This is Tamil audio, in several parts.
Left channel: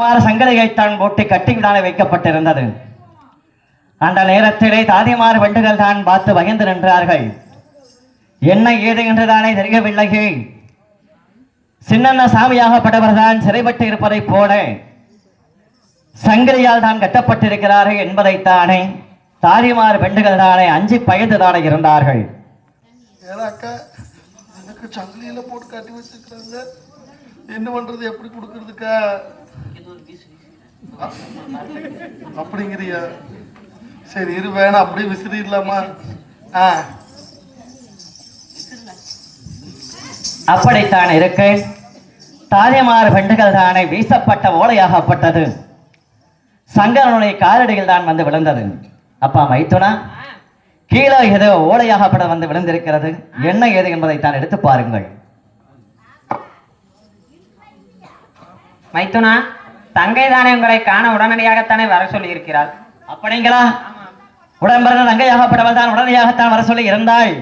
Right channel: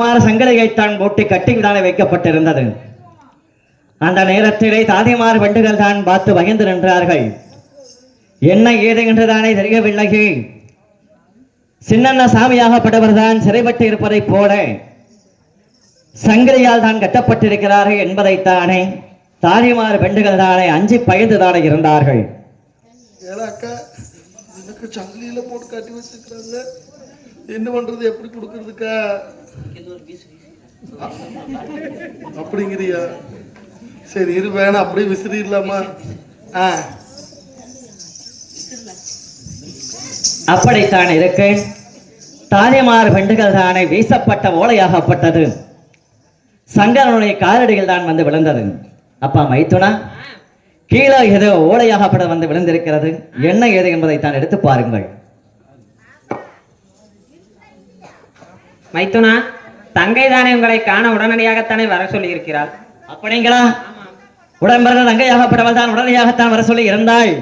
சங்கதிகைத்தான் போட்டு கட்டிவிடான வைக்கப்பட்டிருந்தது. அந்த நேரத்திலே தாதிமார் வண்டுகள் தான் பார்த்து வகைந்து நின்றார்கள். என்ன ஏது என்றுதானே தெரியவில்லையே. சின்னண்ண சாமியாகப்பட்டவர் தான் சிறைப்பட்டு இருப்பதைப் போல சங்கதியால் தான் கட்டப்பட்டிருக்கிறார்கள் என்பதைத்தானே தாரிமார் பெண்டுகள் தானே அஞ்சு பயந்து தானே இருந்தார்கள் அக்கா சங்கிலியில போட்டு கட்டி என்ன பண்றது எப்படி கொடுக்கறதுக்கா? அப்படிங்கிறியா? சரி இரு வேணாம். அப்படியே விசிறிடலாமா? ஆ. அப்படித்தான் இருக்க தாயமார் பெண்டுகள் தானே வீசப்பட்ட ஓலையாகப்பட்டது. சங்கரனுடைய காலடியில் தான் வந்து விழுந்தது. அப்பா மைத்துனா கீழே ஏதோ ஓலையாகப்பட வந்து விழுந்திருக்கிறது. என்ன ஏது என்பதை தான் எடுத்து பாருங்கள். மைத்துனா தங்கை தானே உங்களை காண உடனடியாகத்தானே வர சொல்லி இருக்கிறாள் அப்படிங்களா? உடன்பிறந்த தங்கையாகப்பட்டவள் தான் உடனடியாகத்தான் வர சொல்லி இருந்தாள்.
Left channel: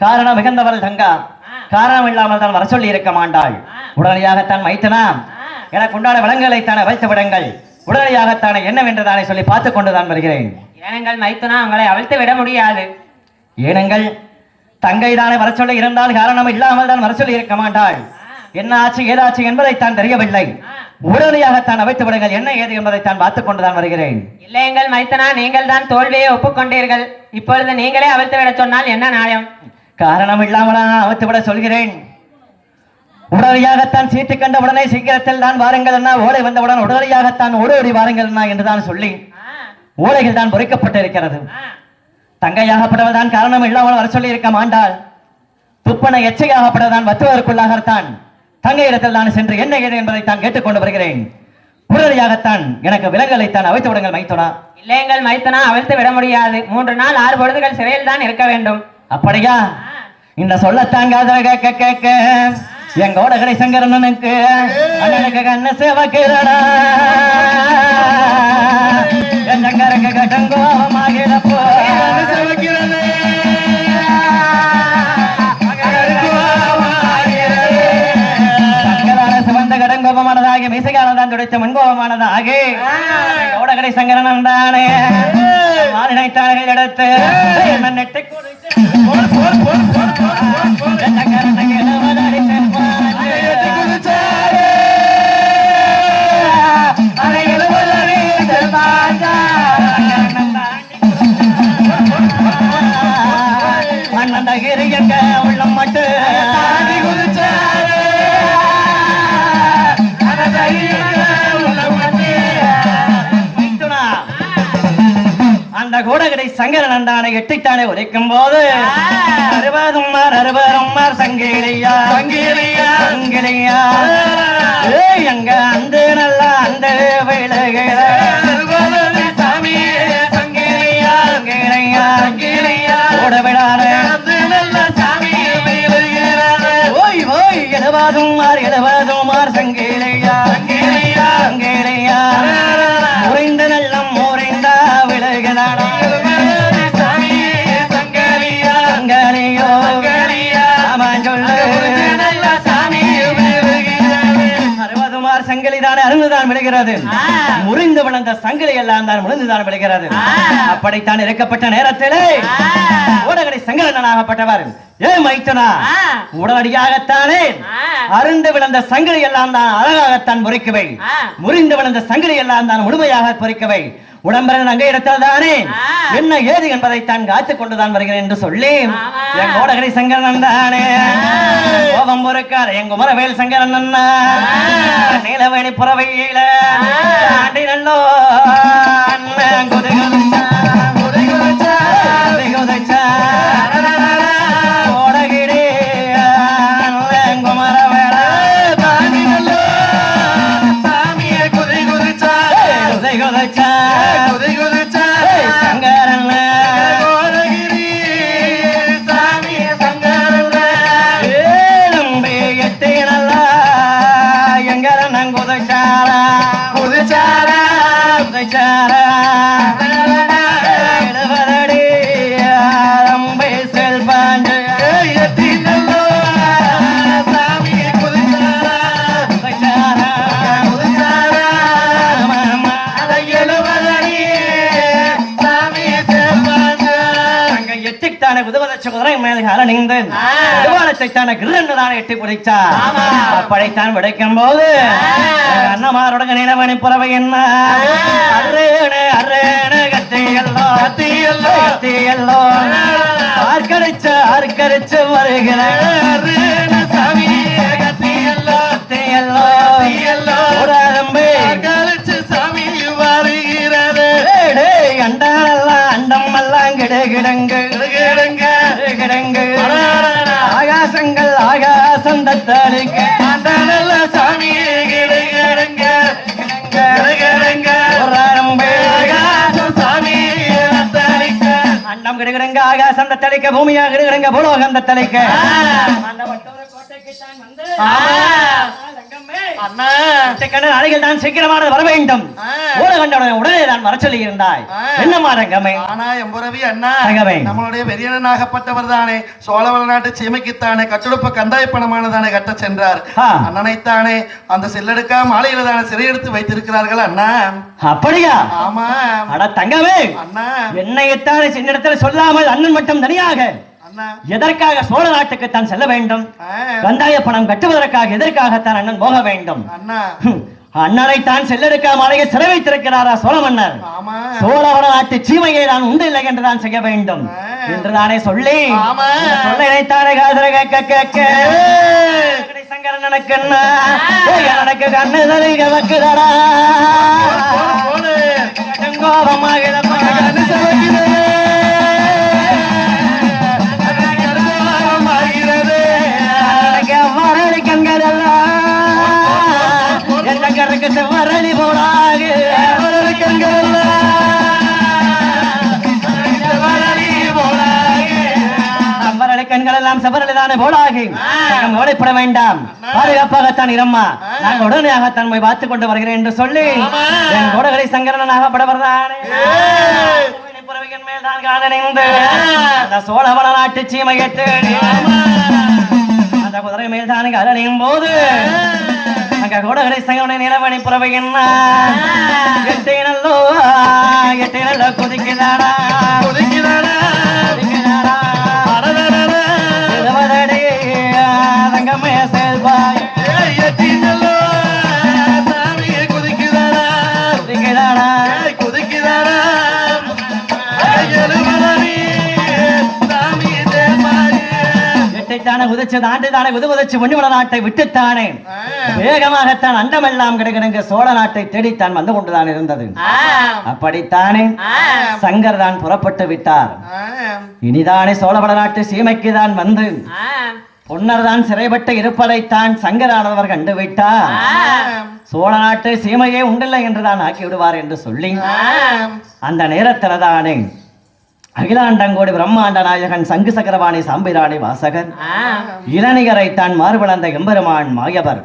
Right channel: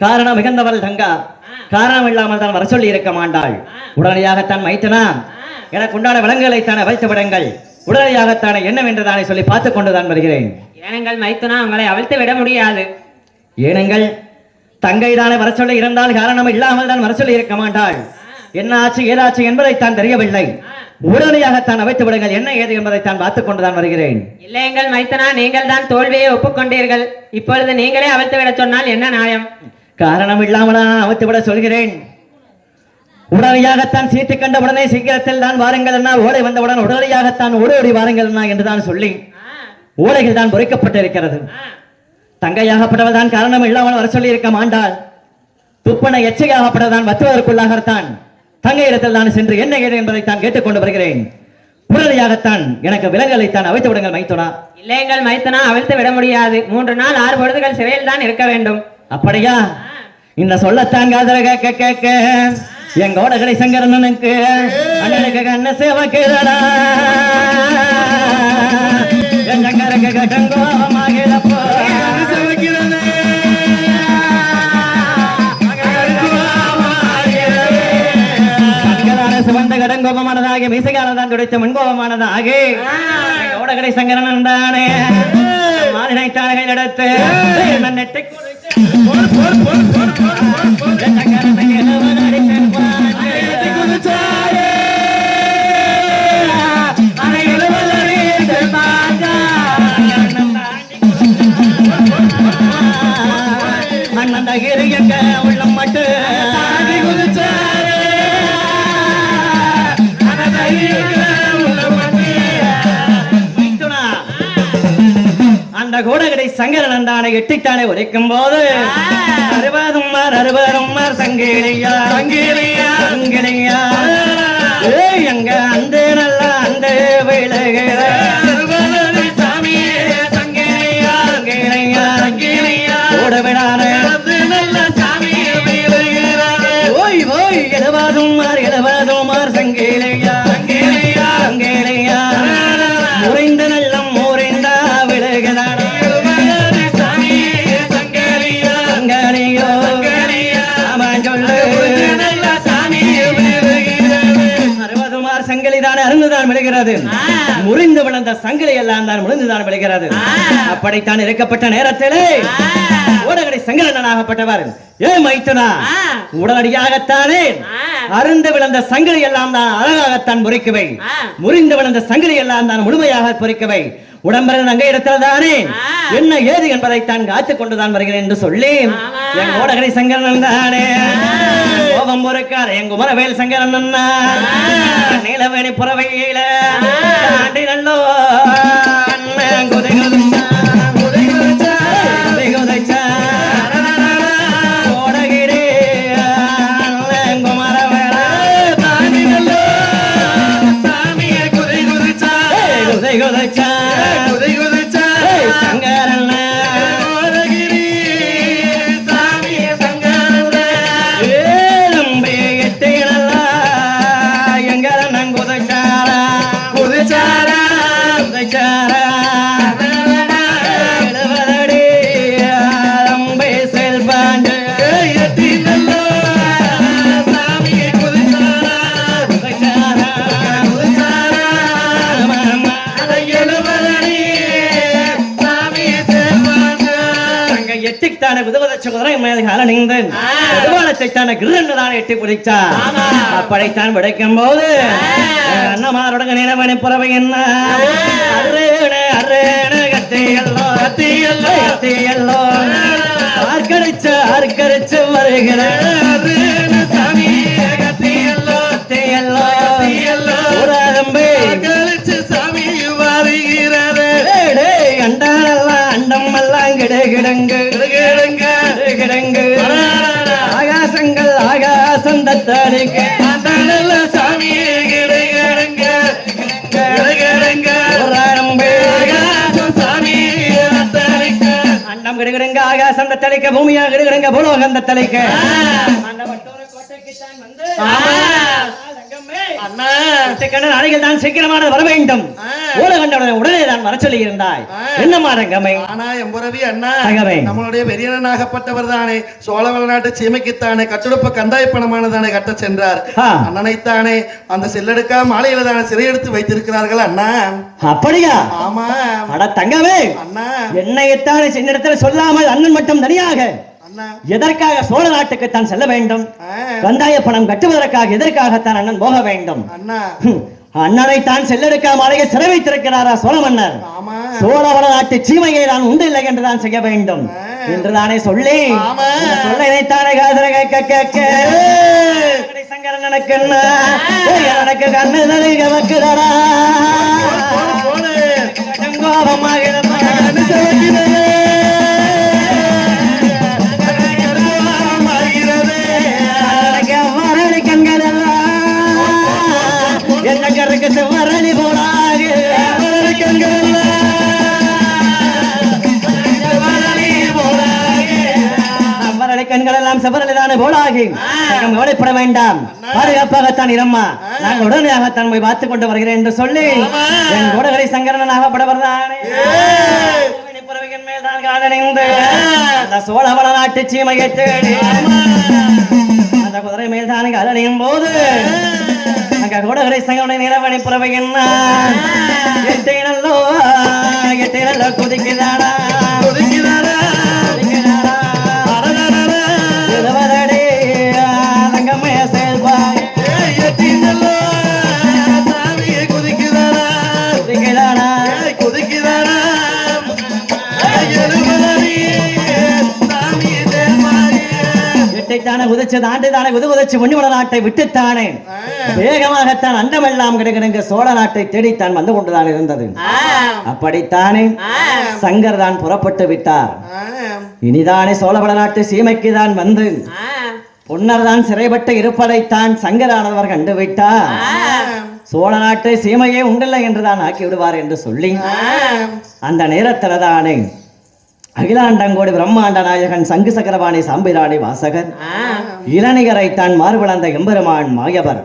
காரணம் மிகுந்தவள் தங்கா. காரணம் இல்லாமல் தான் வர சொல்லி இருக்க மாட்டாள். உடனடியாகத்தான் மைத்தனா எனக்கு உண்டான விலங்குகளை தானே வைத்து விடுங்கள். உடனடியாகத்தானே என்னவென்று தானே சொல்லி பார்த்து கொண்டுதான் வருகிறேன். ஏனெங்கள் மைத்துனா உங்களை அவிழ்த்து விட முடியாது. ஏனங்கள் தங்கை தானே வர சொல்லி இருந்தால் காரணம் இல்லாமல் தான் வர சொல்லி இருக்க மாட்டாள். என்ன ஆச்சு ஏதாச்சு என்பதைத்தான் தெரியவில்லை. உடனடியாகத்தான் அவைத்து விடுங்கள். என்ன ஏது என்பதைத்தான் பார்த்துக் கொண்டுதான் வருகிறேன். இல்லையெங்கள் மைத்துனா நீங்கள் தான் தோல்வியை ஒப்புக்கொண்டீர்கள். இப்பொழுது நீங்களே அவிழ்த்து விட சொன்னால் என்ன நியாயம்? காரணம் இல்லாமல் நான் அவைத்து விட சொல்கிறேன். உடனடியாகத்தான் சீட்டு கண்ட உடனே சீக்கிரத்தில் தான் வாருங்கள் என்ன ஓலை வந்தவுடன் உடனடியாகத்தான் ஓடி ஓடி வாருங்கள் என்ன என்றுதான் சொல்லி ஓலைகள் தான் பொறிக்கப்பட்டிருக்கிறது. தான் காரணம் இல்லாமல் வர சொல்லி இருக்க மாட்டாள். துப்பன எச்சையாகப்பட்டதான் வத்துவதற்குள்ளாகத்தான். தங்கை இடத்தில் நான் சென்று என்ன ஏது என்பதை தான் கேட்டுக்கொண்டு வருகிறேன். உடனடியாகத்தான் எனக்கு விலங்குகளை தான் அவைத்து விடுங்கள் மைத்துனா. இல்லையெங்கள் மைத்துனா அவிழ்த்து விட முடியாது. மூன்று நாள் ஆறு பொழுதுகள் சிறையில் தான் இருக்க வேண்டும். அப்படியா? இந்த சொல்லத்தாங்காதர கேட்க கேட்க எங்கோட கடை சங்கரனுக்கு அண்ணனுக்கு கண்ண சேவக்கிறா சங்கரக்கு கட்டங்கோமாகிடப்போ கடங்கோபமானதாக மீசைகாலதான் துடைத்த முன்கோபமானதாக எங்கோட கடை சங்கரன் தானே. மாநிலை தாழ்கள் எடுத்து என்ன நெட்டை அந்தானை எட்டித்தானே உரைக்கும் போது அறுபதும் மார் அறுபதும் மார் சங்கேரியா. சங்கேரியா. சங்கேரியா. ஏய் எங்க அந்த அப்படித்தான் இறக்கப்பட்ட நேரத்திலே ஊடகடை சங்கரனாகப்பட்டவர் ஏன் மைத்தனா. உடனடியாகத்தானே அருந்து விழுந்த சங்கிலி எல்லாம் தான் அழகாகத்தான் முறைக்குவை முறிந்து விழுந்த சங்கிலி எல்லாம் தான் முழுமையாக பொறிக்கவை உடம்பரன் அங்கே இடத்தில் தானே என்ன ஏது என்பதைத்தான் காத்துக் கொண்டுதான் வருகிறேன் என்று சொல்லி என் ஓடகரை சங்கரன் தானே கோபம் பொறுக்காத என் குமரவேல் சங்கரன் அண்ணா நீலவேணி புறவையில மேலகால நீங்கள் பெருமானத்தை எட்டி படைத்தார் படைத்தான். படைக்கும் போது அண்ணமாரோட நினைவனி புறவை என்ன? அருண அருண கத்தை எல்லாம் பூலோகம் தத்தளிக்க அண்ணா கண்ணன் அணைகள் தான் சீக்கிரமாக வர வேண்டும். ஊழ கண்டவுடனே உடனே நான் வர சொல்லி இருந்தாய் என்னமா ரங்கமே ஆனா எம்புரவி அண்ணா தங்கமே. நம்மளுடைய பெரியனாகப்பட்டவர் தானே சோழவள நாட்டு சீமைக்குத்தானே கட்டுடுப்ப கந்தாய் பணமானதானே கட்ட சென்றார். அண்ணனைத்தானே அந்த செல்லெடுக்கா மாலையில தானே சிறையெடுத்து வைத்திருக்கிறார்கள் அண்ணா. அப்படியா? ஆமா. அட தங்கமே அண்ணா. என்னையத்தானே சின்ன இடத்துல சொல்லாமல் அண்ணன் மட்டும் தனியாக? எதற்காக சோழ நாட்டுக்கு தான் செல்ல வேண்டும்? கந்தாய பணம் கட்டுவதற்காக எதற்காகத்தான் அண்ணன் போக வேண்டும்? அண்ணனை தான் செல்லெடுக்க மலையை சிறை வைத்திருக்கிறாரா சோழ மன்னர் சோழவள நாட்டு சீமையை நான் உண்டு இல்லை என்றுதான் செய்ய வேண்டும். என்றுதானே சொல்லி ஆமா. சொல்ல இணைத்தானே காதல கேட்க கேட்க. எனக்கு ஏய், எனக்கு கண்ணு தலை செவரலிதானே போலாகி நீங்கள் கவலைப்பட வேண்டாம். பாதுகாப்பாகத்தான் இரம்மா. நாங்கள் உடனடியாகத்தான் போய் பார்த்துக் கொண்டு வருகிறேன் என்று சொல்லி என் கோடகரை சங்கரனாகப்படவர்தானே புறவையின் மேல் தான் காணணிந்து அந்த சோழவள நாட்டு சீமையை தேடி அந்த குதிரை மேல் தான் காலணியும் போது அங்க கோடகரை சங்கரனை நிலவணி புறவையின் உதைச்சு தாண்டி தானே உதைச்சு முன்னிவள நாட்டை விட்டுத்தானே வேகமாகத்தான் அண்டமெல்லாம் கிடக்கிடங்க சோழ நாட்டை தேடித்தான் வந்து கொண்டுதான் இருந்தது. அப்படித்தானே? சங்கர் தான் புறப்பட்டு விட்டார். இனிதானே சோழவள நாட்டு சீமைக்கு தான் வந்து. பொன்னர் தான் சிறைப்பட்டு இருப்பதைத்தான் சங்கரானவர் கண்டுவிட்டார் சோழ நாட்டு சீமையே உண்டில்லை என்றுதான் ஆக்கி விடுவார் என்று சொல்லி. அந்த நேரத்துல தானே அகிலாண்டங்கோடி பிரம்மாண்ட நாயகன் சங்கு சக்கரவாணி சாம்பிராணி வாசகர். இளநிகரை தான் மார்பளந்த எம்பெருமான் மாயவர்.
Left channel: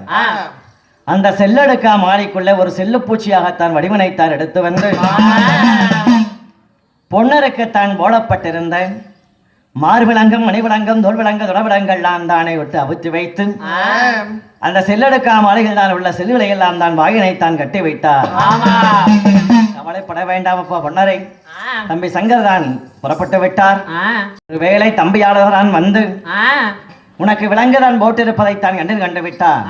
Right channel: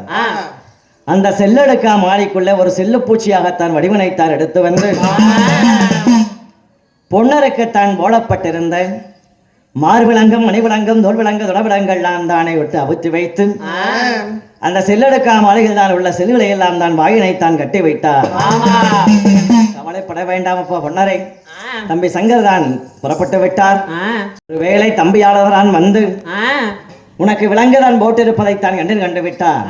அந்த செல்லடுக்கா மாலைக்குள்ள ஒரு செல்லுப்பூச்சியாகத்தான் வடிவனைத்தான் எடுத்து வந்து. பொன்னருக்கு தான் போடப்பட்டிருந்த மார்பிளங்கம் மணிவிளங்கம் தோல்விளங்க தொடவிடங்கள்லாம் தானே விட்டு அவுத்து வைத்து அந்த செல்லடுக்கா மாலைகள் தான் உள்ள செல்லுகளை எல்லாம் தான் வாயினைத்தான் கட்டி வைத்தார். கவலைப்பட வேண்டாம் அப்போ பொன்னரை. தம்பி சங்கர் தான். புறப்பட்டு விட்டார். ஒருவேளை தம்பியாளர் தான் வந்து உனக்கு விலங்குதான் போட்டிருப்பதைத்தான் கண்டு கண்டு விட்டார்.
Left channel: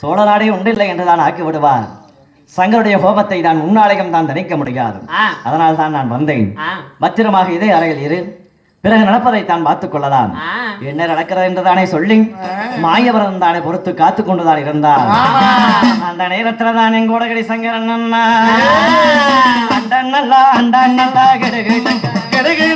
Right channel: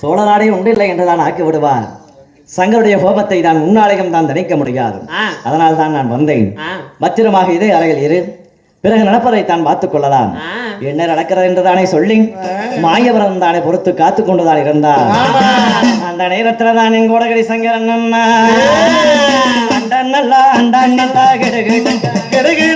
சோழ நாடே உண்டில்லை என்றுதான் ஆக்கி விடுவார் சங்கருடைய கோபத்தை தான் முன்னாளையும் தான் தணிக்க முடியாது. அதனால் தான் நான் வந்தேன். பத்திரமாக இதே அறையில் இரு. பிறகு நடப்பதை தான் பார்த்துக் கொள்ளலாம். என்ன நடக்கிறது என்றுதானே சொல்லி மாயவரம் தானே பொறுத்து காத்து கொண்டுதான் இருந்தார். அந்த நேரத்துல தான் என் கோடகடி சங்கரன் நல்லா அண்டாண்டா கிடகு கிடகு